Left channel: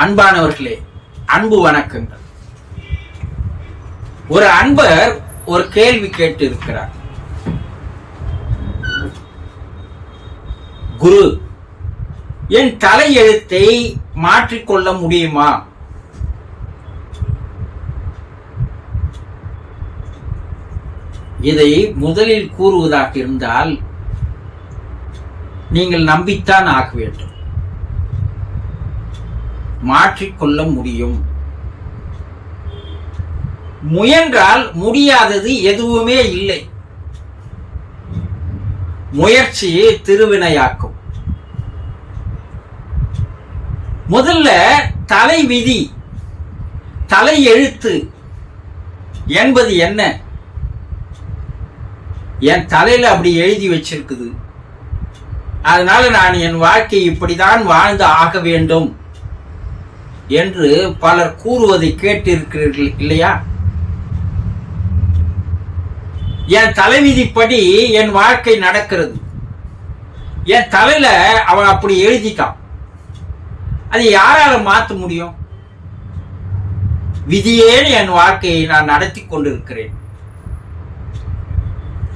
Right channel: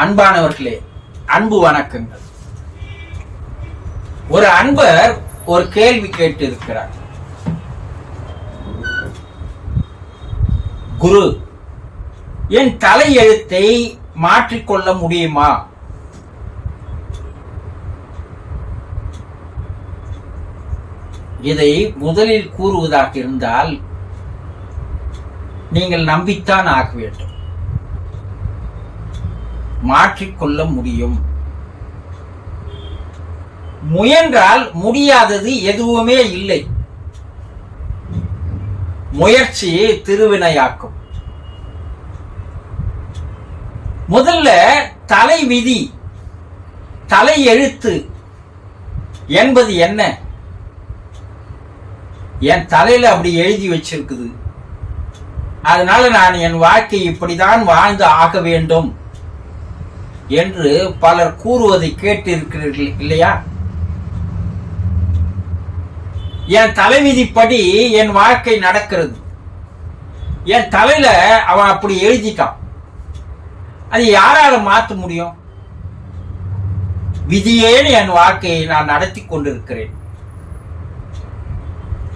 அன்பானவர்களே, அன்பு வணக்கங்கள். ஒரு அன்பர் ஒரு கேள்வி கேட்டு இருக்கிறார். குரு, என் தலையெழுத்தை மாற்றிக்கொள்ள முடியுமா? இதை முதலில் கூறுவதாக இருந்தால் நீங்கள் நம்பித்தான் ஆக வேண்டும். மாற்றிக்கொள்ள முடியும். முயன்றால் முடியாதது எதுவுமே இல்லை. முயற்சி திருவினையாக்கும். முதல்ல தலை விதி, தலை எழுத்து என்பது என்ன? என் தலையில அப்படி எழுதி வச்சிருக்குது, அதனால நான் என் வாழ்க்கை இப்படிதான் வாழ்ந்து ஆக வேண்டும் என்று பலர் கூறுவதை கேட்டிருக்கிறீர்கள் இல்லையா? என் தலைவிதிப்படி என் வாழ்க்கை நடக்கிறது. என் தலையில அவன் அப்படி எழுதிட்டான். அது யாரால மாற்ற முடியும்? விதியேன்னு என் வாழ்க்கையை நான் நடத்தி கொண்டிருக்கிறேன்.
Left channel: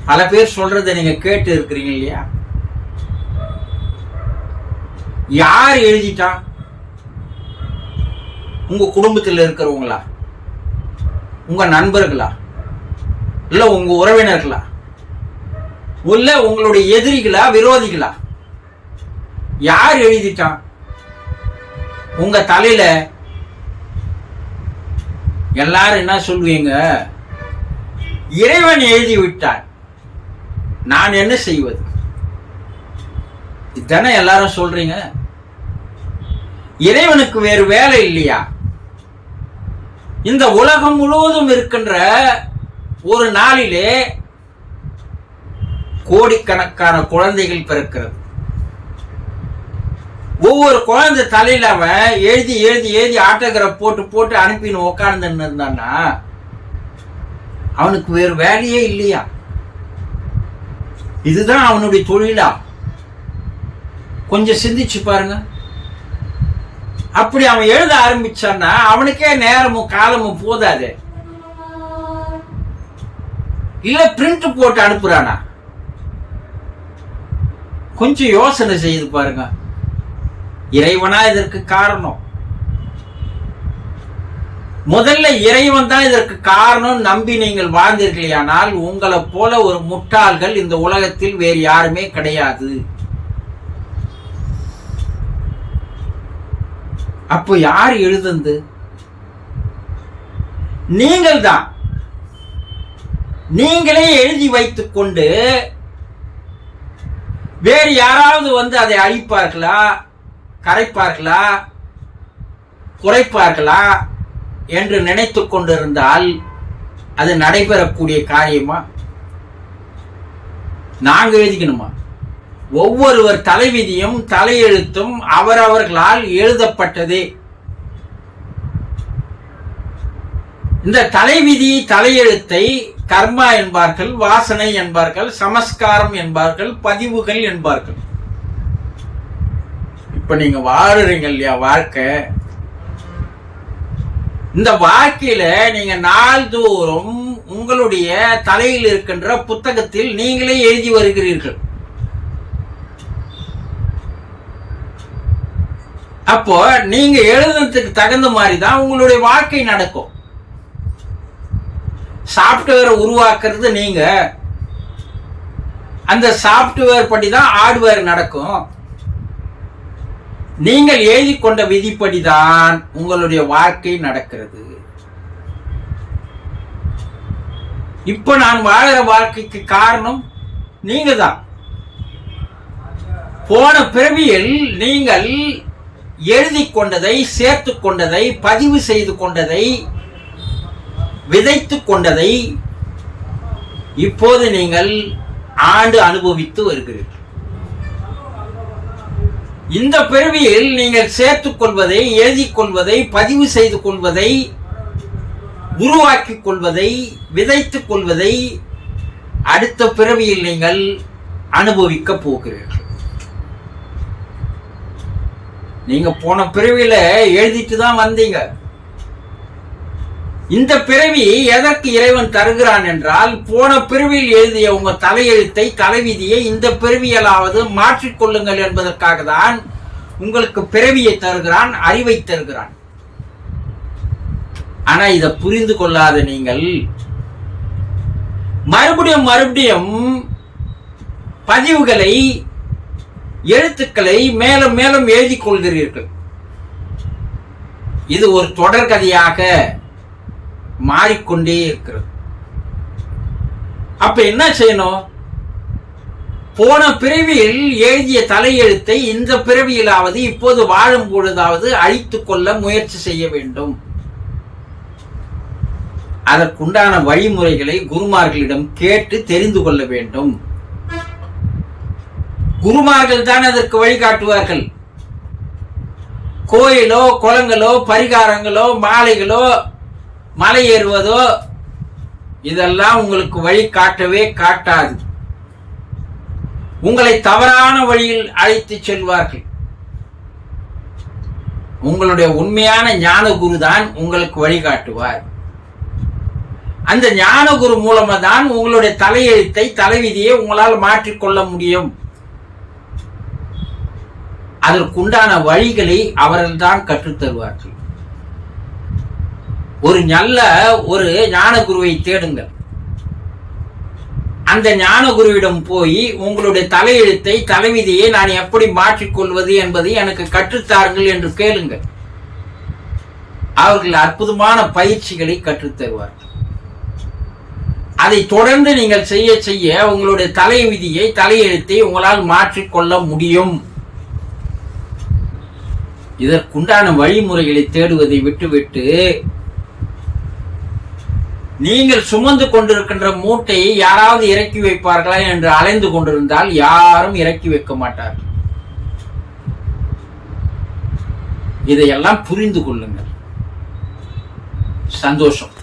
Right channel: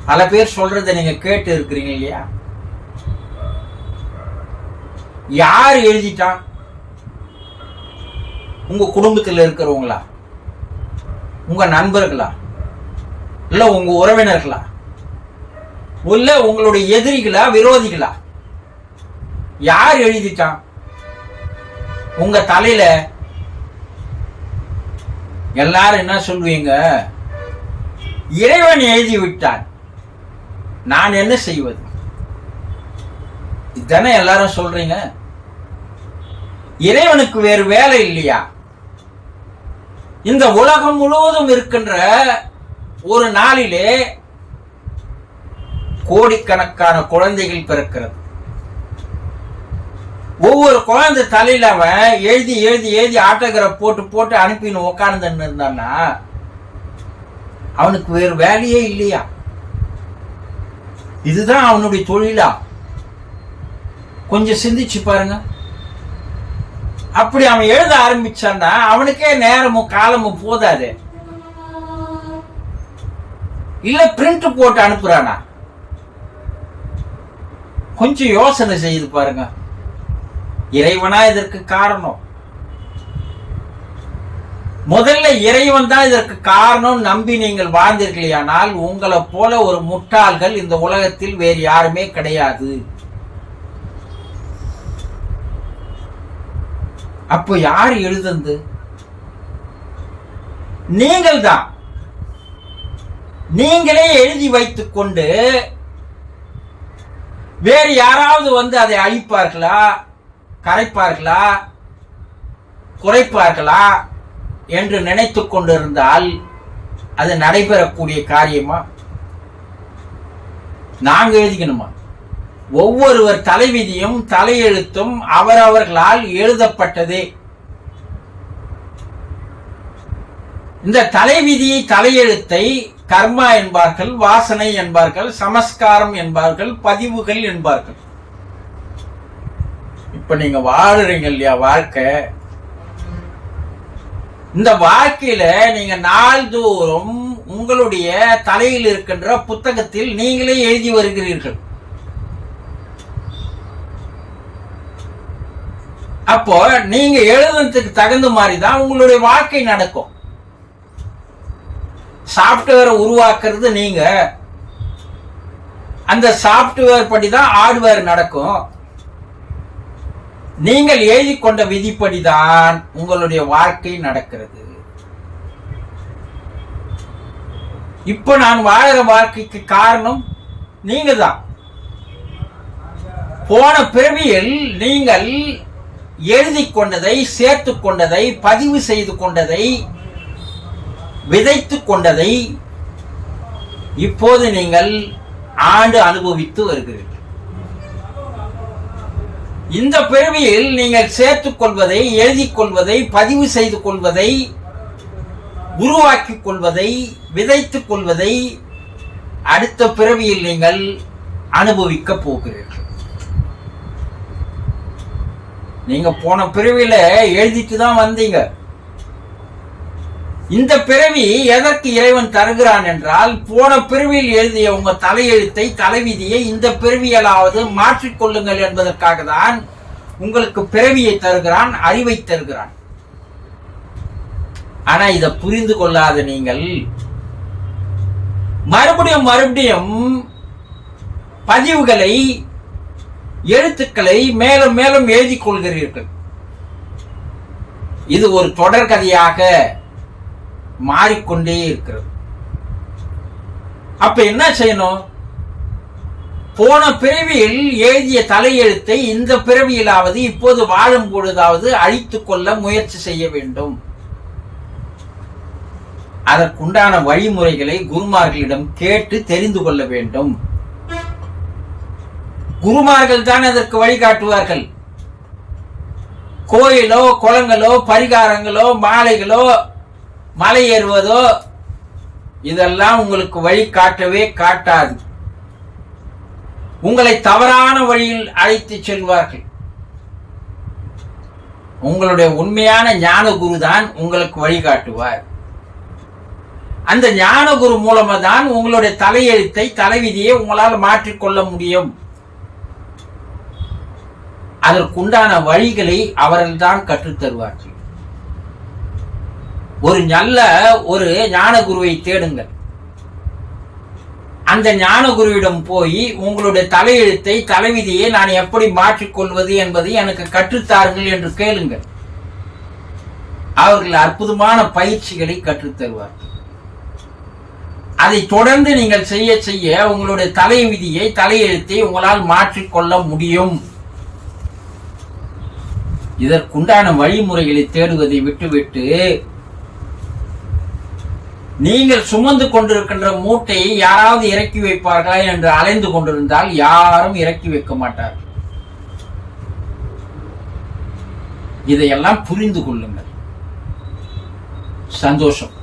பல பேர் சொல்றதை நீங்க கேட்டு இருக்கிறீங்க இல்லையா? யார் எழுதிட்டான்? உங்க குடும்பத்தில் இருக்கிறவங்களா, உங்க நண்பர்களா, இல்ல உங்க உறவினர்களா, இல்ல உங்களுடைய எதிரிகளா, விரோதிகளா? யார் எழுதிட்டான்? உங்க தலையில எல்லாரும் என்ன சொல்லுவீங்க? இறைவன் எழுதி விட்டான், நான் என்ன செய்வது? இதுதானே எல்லாரும் சொல்றீங்க. இறைவனுக்கு வேறு வேலை இல்லையா? இந்த உலகம் முழுவதும் இருக்கின்ற ஒரு நாளிலே கோடிக்கணக்கான குழந்தைகள் பிறக்கிறது. ஒவ்வொரு குழந்தை தலையில அவன் எழுதி எழுதி எழுதி ஆட்டோகிராஃப் போட்டு போட்டு அனுப்பின்னு உட்கார்ந்து இருந்தான்னா அவனுக்கு வேறு வேலையே இல்லையா? இதுதான் அவனுடைய தொழிலா? கொஞ்சம் சிந்திச்சு பாருங்க. அப்படி அவன் எழுத ஆரம்பிச்சான்னா அவனுக்கே நேரமும் காலமும் போதாது. இல்ல பிரிண்ட் போட்டு அனுப்புறானா? கொஞ்சம் யோசனை செய்து பாருங்க. இறைவனா இதற்கு காரணம்? முதல்ல இறைவன் தான் இதற்கு காரணம் நம்பி நீங்கள் வாழ்ந்தீர்களானால் உங்களை போல ஒரு முட்டாள்கள் இந்த உலகத்தில் வேறு யாருமே கிடையாது. அப்போ யார் எழுதுந்து? நீங்கள் தான். நீங்களே எழுதி வைத்துக் கொண்டு வேறு யாராவது வந்து அதை அழிப்பார்களா, கரைப்பார்களா, குறைப்பார்களா என்று நினைத்துக் கொண்டிருந்தால் அது நடைபெறக்கூடிய காரியமா? நாங்க எழுதிக்கணுமா? ஒவ்வொருவர் தலைவிதியும் தலையெழுத்தும் அவரவர்களால் எழுதப்பட்டதே. இந்த தலைவிதி தலையெழுத்தை கர்மா என்பார்கள், வாசனை என்பார்கள், சமஸ்காரம் என்பார்கள், பதிவுகள் என்பார்கள். இப்ப நீங்க வாழுறீங்க இல்லையா வாழ்க்கை? இந்த வாழ்க்கையில நீங்க நாள்தோறும் உங்களுடைய தலையில் இருக்கின்ற புத்தகத்தில் நீங்களே எழுதி வருகிறீர்கள். அப்போ நீங்க எழுதுறதுக்கு தகுந்த மாதிரி தான் உங்களுடைய வாழ்க்கை நடக்கும். சாப்ட்வேரை உருவாக்குறது நீங்க. அந்த சாப்ட்வேர் படி தான் ஹார்ட்வேர் நடக்கும். நீங்கள் எழுதி கொண்ட விதிப்படிதான் உங்களுடைய வாழ்க்கை நடக்கிறது. இப்ப நான் வாழற வாழ்க்கைக்கு காரணம் நீங்க தான். போன பிறவியில் நீங்கள் எழுதி கொண்டதை, சேர்த்து கொண்டதை, பதிவு செய்து கொண்டதை, விதைத்து கொண்டதை இப்போது நீங்கள் ஆண்டு அனுபவித்து வருகிறீர்கள். இந்த பிறவியில் நீங்கள் சேர்த்துக் கொள்வதை, எழுதி கொள்வதை, பதிவு செய்து கொள்வதை, உருவாக்கிக் கொள்வதை, விதைத்துக் கொள்வதை அடுத்த பிறவியில் நீங்கள் அனுபவிக்க போகிறீர்கள். நீங்க போன பிறவியில எழுதிட்டு தான் வந்தீங்க. இந்த பிறவி எதற்கு இறைவன் தருகிறான் என்றால், போன பிறவியில் எழுதிய உங்க தலையெழுத்தை, தலைவிதியை இந்த பிறவியலாவது மாற்றிக்கொள்ளுங்கள் என்பதற்காக தான் உங்களுக்கு பிறவியை தருகிறான், அறிவை தருகிறான். ஆனா இதை புரிந்து கொள்ளாத நீங்கள் மறுபடியும் மறுபடியும் பதிவுகளை, எழுத்துக்களை மேலும் மேலும் எழுதிக் கொள்கிறீர்கள். இது ஒரு தொடர்கதையாக மாறிக்கொண்டே இருக்கிறது. அப்ப என்ன செய்யணும்? போன பிறவியில் எழுதிய தலையெழுத்தை இந்த பிறவியிலாவது, இப்போது வாழும் பொழுதாவது அழித்துக் கொள்ள முயற்சி செய்ய வேண்டும். அதற்குண்டான வழிமுறைகளை குருமார்களிடம் கேட்டு தெரிந்து கொள்ள வேண்டும். குருமார்கள் தான் அதற்கு வழிகாட்டுவார்கள். கோயிலோ, குளங்களோ, பரிகாரங்களோ, மாலைகளோ, மலை ஏறுவதோ இதெல்லாம் உங்களுக்கு வழி காட்டவே காட்டாது. உங்களை தவறான வழியில் அழைத்து செல்வார்கள். உங்களுடைய உண்மையான ஞான குரு தான் உங்களுக்கு வழிகாட்டுவார். அந்த ஞான குரு மூலமா தான் உங்களுடைய தலையெழுத்தை, தலைவிதியை உங்களால் மாற்றிக்கொள்ள முடியும். அதற்குண்டான வழிகளை அவர்கள் தான் கற்றுத்தருவார்கள். ஒரு நல்ல ஒரு ஞான குருவை தேடுங்கள். அந்த ஞான குருவிடம் போய் உங்களுடைய தலையெழுத்தை, தலைவிதியை நான் எப்படி மாற்றிக்கொள்வது என்பதை எனக்கு கற்றுத்தாருங்கள் என்று கேளுங்கள். அவர்கள் அற்புதமான பயிற்சிகளை கற்றுத்தருவார்கள். அதை தொடர்ந்து நீங்கள் செய்ய செய்ய உங்களுடைய தலைவிதியை, தலையெழுத்தை உங்களால் மாற்றிக்கொள்ள முடியும். இதற்குண்டான வழிமுறைகளை தேடுவதை விட்டுவிட்டு நீங்கள் சுமந்து கொண்டிருக்கின்ற மூட்டையை யாராவது இறக்கி வைப்பார்களா என்று அலைந்து கொண்டிருந்தால் யாரும் இறக்கி வைக்க மாட்டார்கள். இதையெல்லாம் புரிந்து கொள்ளுங்கள். சந்தோஷம்.